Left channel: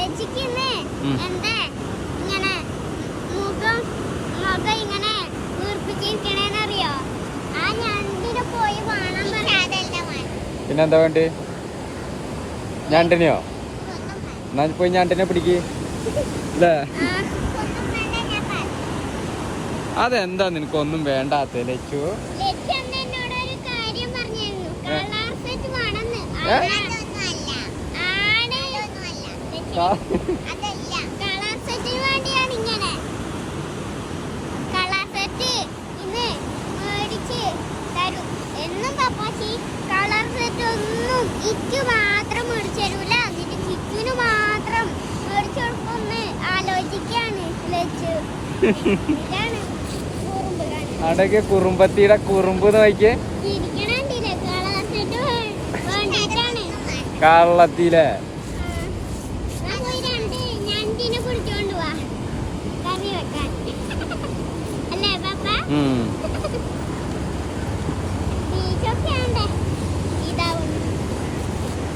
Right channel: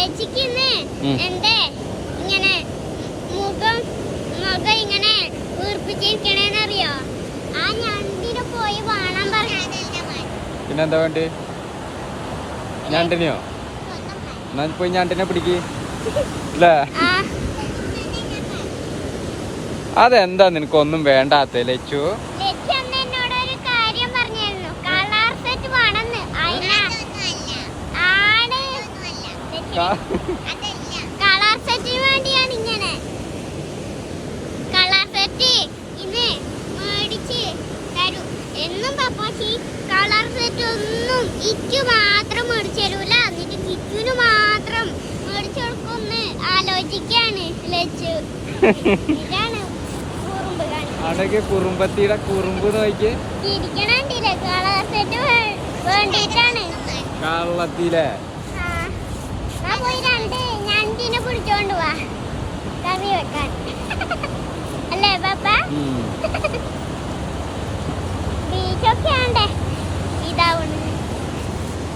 ലച്ചിക്കിന്ന് എന്തേ ഇങ്ങനെ മുഖം ഇങ്ങനെ വീർപ്പിച്ചിരിക്കണേന്നറിയോ? ആ ഞണ്ടിനെ പോയി വേണം പറയാതല്ല. പിന്നെന്താ വേണ്ടി? ഞണ്ടിനെയോ? എന്നാ പോയി ഞണ്ടിനെ പിടിക്ക് അല്ലേ? അതെന്താ നിനക്കൊന്നും വേണ്ടാത്ത ലച്ചു? എന്നോടൊരു കാര്യം പറഞ്ഞിരുന്നു. കളർ സെറ്റ് വേണമെന്ന്. കളർ സെറ്റിന് വേണ്ടിയാണ് ഇങ്ങനെ. കളർ സെറ്റ് ഇന്ന് മേടിച്ച് തരും എന്നും പപ്പാച്ചി. കളർ സെറ്റ് ഒന്നും ഇക്ക് മാത്രം മേടിച്ചു തരൂല, എന്നിട്ട് കിച്ചുവിന് മാത്രം മേടിച്ചു കൊടുക്കുമെന്ന് ആലോചിക്കാണ് ലച്ചു. ഇതാണ് അടക്കെ കുറുമ്പത്തിയുടെ കുറുമ്പ് നോക്കിയേ. ഇരിക്കണണ്ടില്ലേ? കളർ സെറ്റ് വേണ്ടിട്ടാണ്. കള്ളത്തിലെ ഞണ്ടിനെ പിടിച്ചോണ്ട് വാ കറി വെക്കാൻ അല്ലേ പാപ്പ? ബീച്ചൊക്കെയാണ്